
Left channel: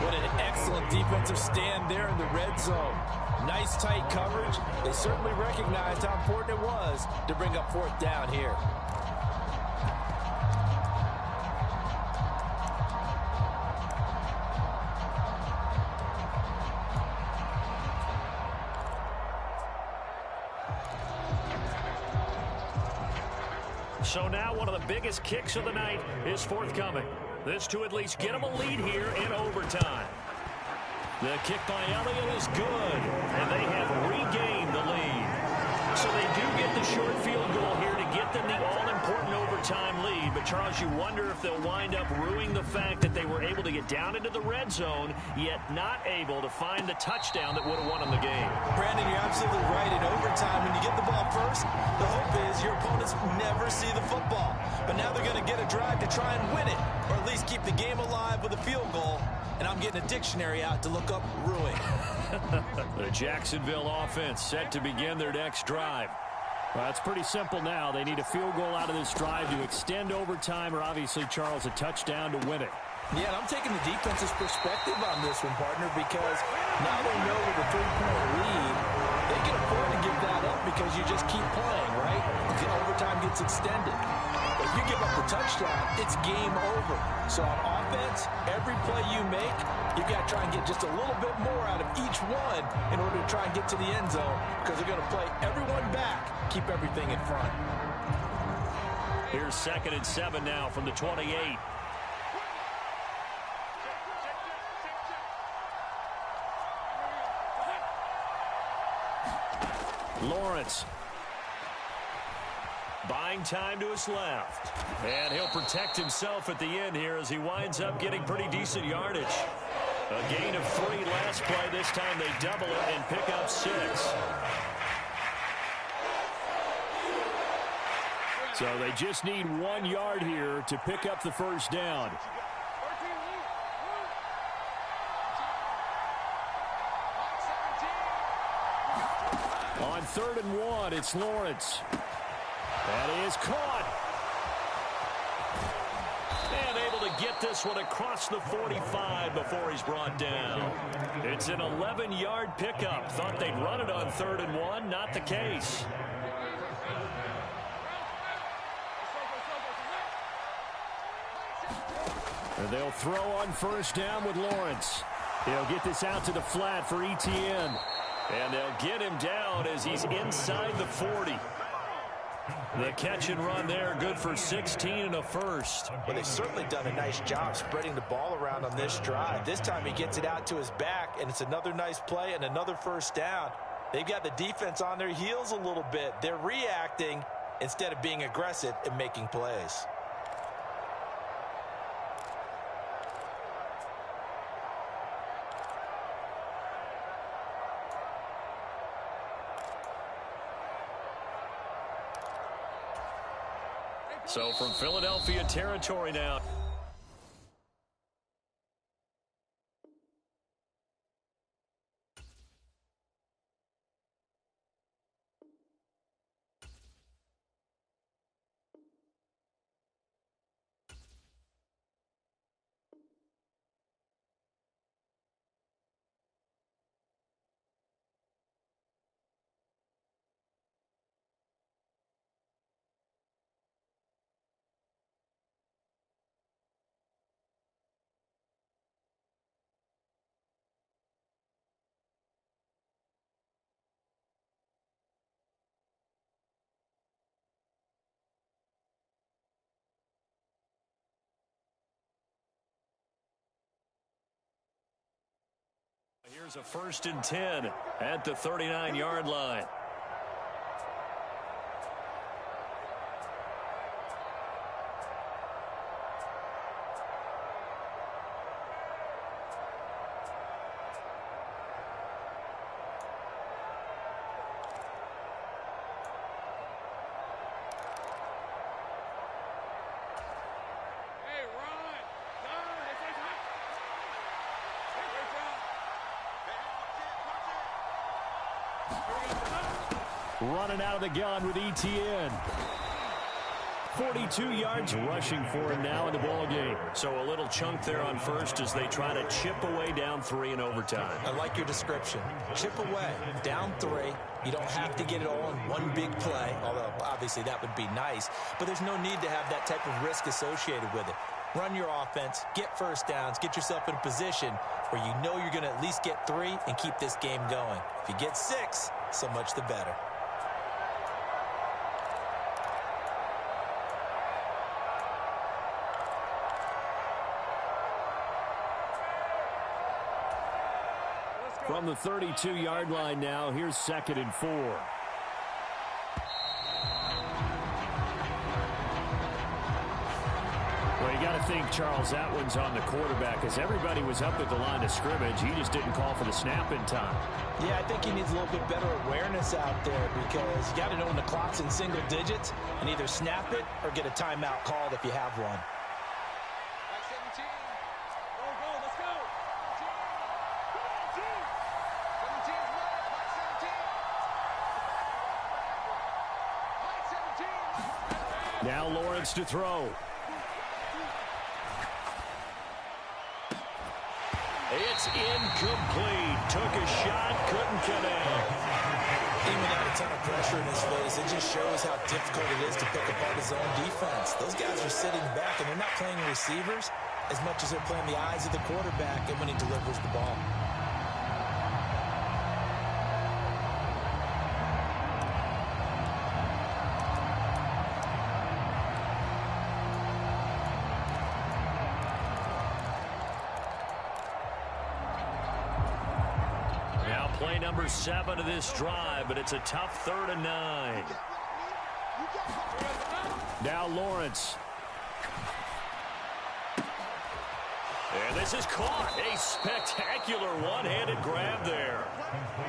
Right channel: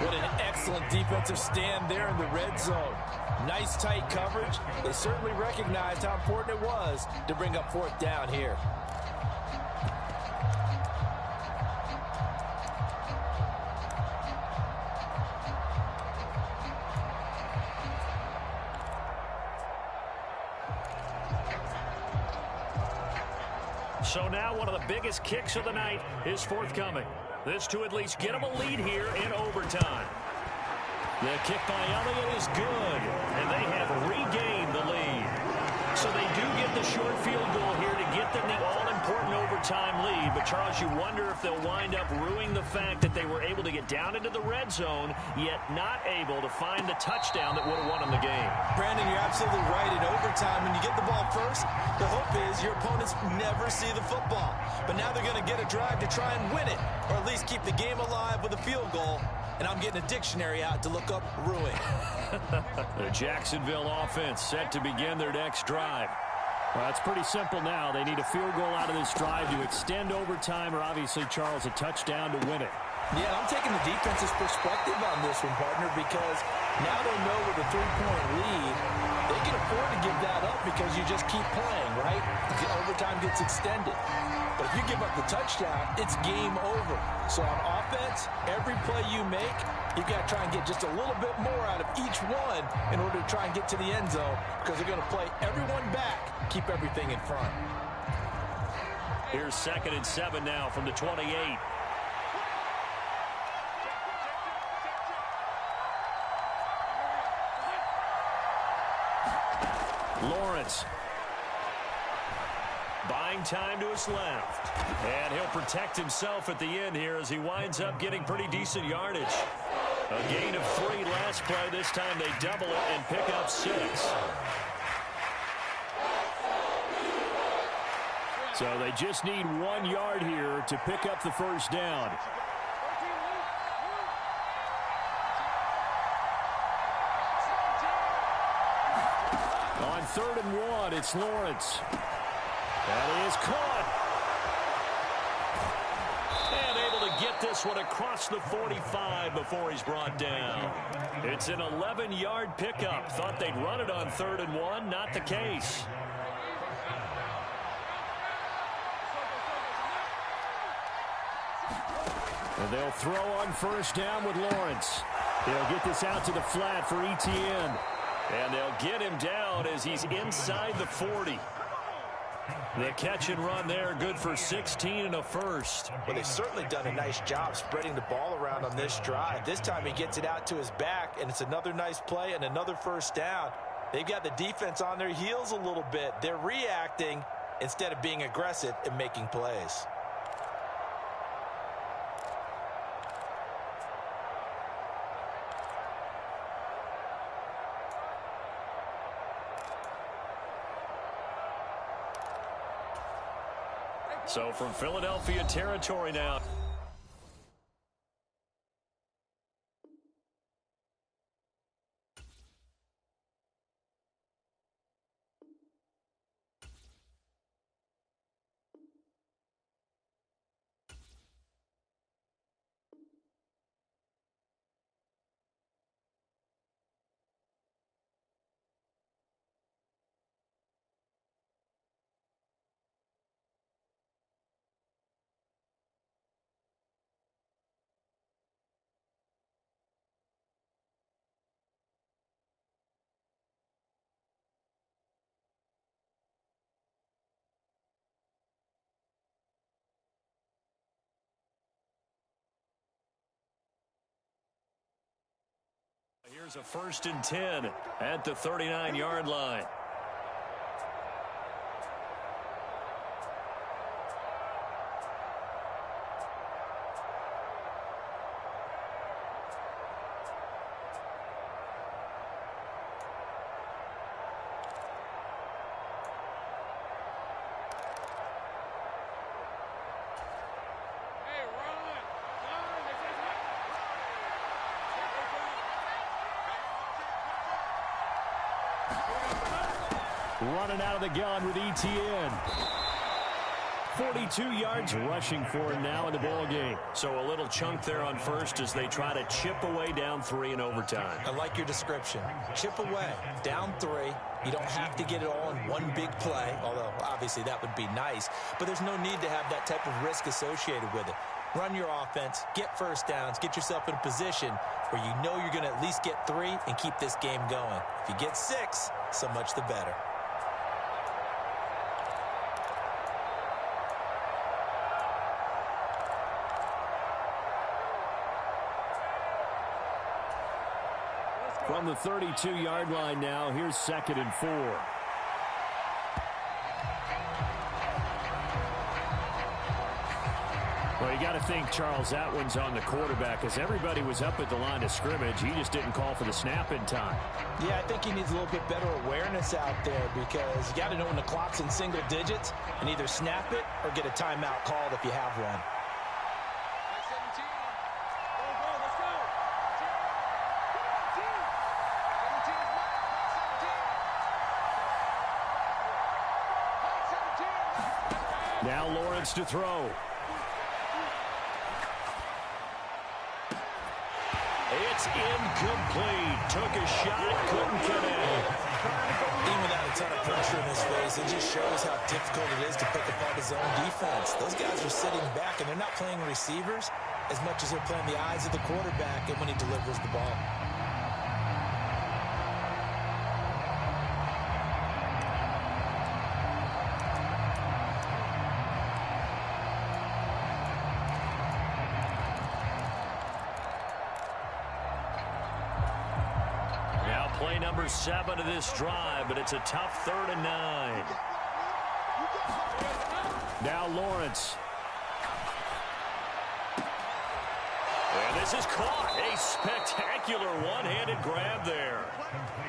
What an excellent defensive stand there in the red zone. Nice tight coverage. They certainly recognized how important it was to bring up fourth down here. So now one of the biggest kicks of the night is forthcoming. This to at least get them a lead here in overtime. The kick by Elliott is good, and they have regained the lead. So they do get the short field goal here to get them the all-important overtime lead. But, Charles, you wonder if they'll wind up ruining the fact that they were able to get down into the red zone, yet not able to find the touchdown that would have won them the game. Brandon, you're absolutely right. In overtime, when you get the ball first, the hope is your opponents never see the football. But now they're going to get a drive to try and win it, or at least keep the game alive with a field goal. And I'm getting a dictionary out to look up ruin. The Jacksonville offense set to begin their next drive. Well, it's pretty simple now. They need a field goal out of this drive to extend overtime, or obviously, Charles, a touchdown to win it. Yeah, and I'm taking the defense's perspective on this one, partner, because now they know with a 3-point lead, they can afford to give that up because you just keep playing, right? The overtime gets extended. But if you give up the touchdown, it's game over. So on offense, every play you make, you've got to try and get just a little bit more out of each one in order to try and get to the end zone, because they're going to play everyone back, keep everything in front. Here's 2nd and 7 now from the 28. Lawrence. Buying time to his left. And he'll protect himself at the end here as he winds up getting pretty decent yardage. A gain of 3 last play. This time they double it and pick up 6. So they just need 1 yard here to pick up the first down. On 3rd and 1, it's Lawrence. That is caught. And able to get this one across the 45 before he's brought down. It's an 11-yard pickup. Thought they'd run it on 3rd and 1. Not the case. And they'll throw on 1st down with Lawrence. He'll get this out to the flat for Etienne. And they'll get him down as he's inside the 40. The catch and run there, good for 16 and a first. Well, they've certainly done a nice job spreading the ball around on this drive. This time he gets it out to his back, and it's another nice play and another first down. They've got the defense on their heels a little bit. They're reacting instead of being aggressive and making plays. So from Philadelphia territory now. Here's a 1st and 10 at the 39-yard line. Running out of the gun with Etienne. 42 yards rushing for him now in the ball game. So a little chunk there on first as they try to chip away down 3 in overtime. I like your description. Chip away, down 3. You don't have to get it all in one big play, although obviously that would be nice. But there's no need to have that type of risk associated with it. Run your offense, get first downs, get yourself in a position where you know you're going to at least get 3 and keep this game going. If you get 6, so much the better. From the 32-yard line now, here's 2nd and 4. Well, you got to think, Charles, that one's on the quarterback as everybody was up at the line of scrimmage. He just didn't call for the snap in time. Yeah, I think he needs a little bit better awareness out there because you got to know when the clock's in single digits and either snap it or get a timeout called if you have one. Back 17. Go, let's go. Team. Come on, team. 17's Mike. Mike 17. Mike 17. Now Lawrence to throw. It's incomplete. Took a shot, couldn't connect. Even without a ton of pressure in his face, it just shows how difficult it is to pick apart his own defense. Those guys are sitting back, and they're not playing receivers as much as they're playing the eyes of the quarterback and when he delivers the ball. Play number 7 of this drive, but it's a tough 3rd and 9. Now Lawrence. And this is caught. A spectacular one-handed grab there.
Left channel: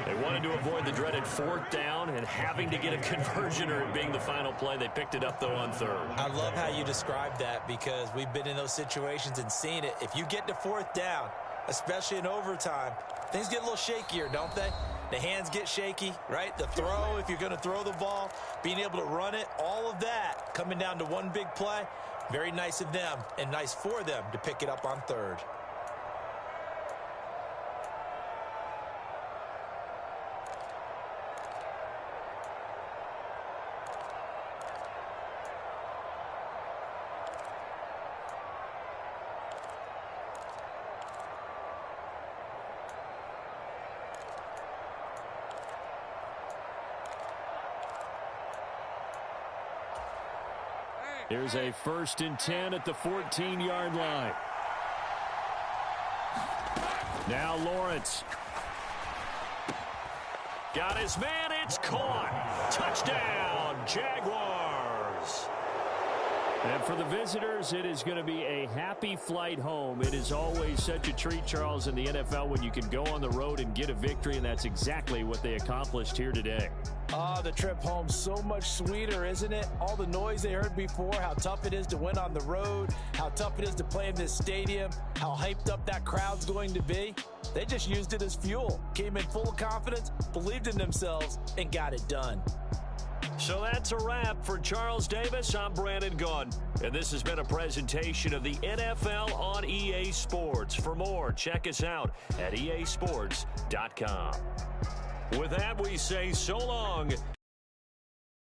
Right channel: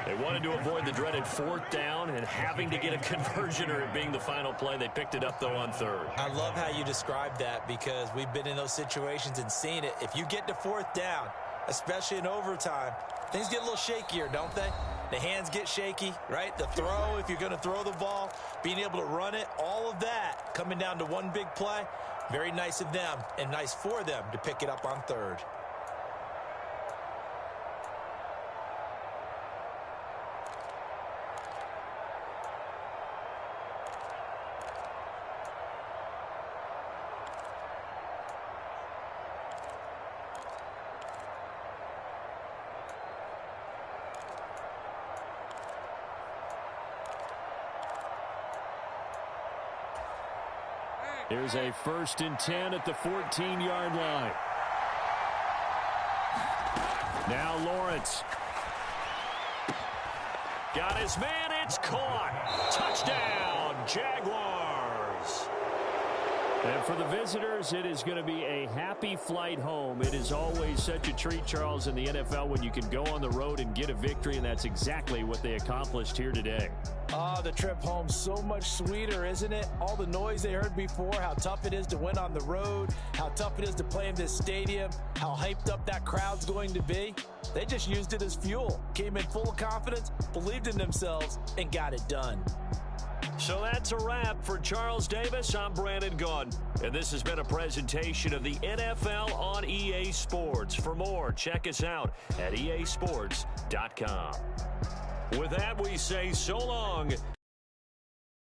They wanted to avoid the dreaded 4th down and having to get a conversion or it being the final play. They picked it up, though, on 3rd. I love how you described that because we've been in those situations and seen it. If you get to 4th down, especially in overtime, things get a little shakier, don't they? The hands get shaky, right? The throw, if you're going to throw the ball, being able to run it, all of that coming down to one big play. Very nice of them and nice for them to pick it up on 3rd. Here's a 1st and 10 at the 14-yard line. Now Lawrence. Got his man. It's caught. Touchdown, Jaguars. And for the visitors, it is going to be a happy flight home. It is always such a treat, Charles, in the NFL when you can go on the road and get a victory, and that's exactly what they accomplished here today. The trip home so much sweeter, isn't it? All the noise they heard before, how tough it is to win on the road, how tough it is to play in this stadium, how hyped up that crowd's going to be. They just used it as fuel, came in full of confidence, believed in themselves, and got it done. So that's a wrap for Charles Davis. I'm Brandon Gunn, and this has been a presentation of the NFL on EA Sports. For more, check us out at easports.com. With that, we say so long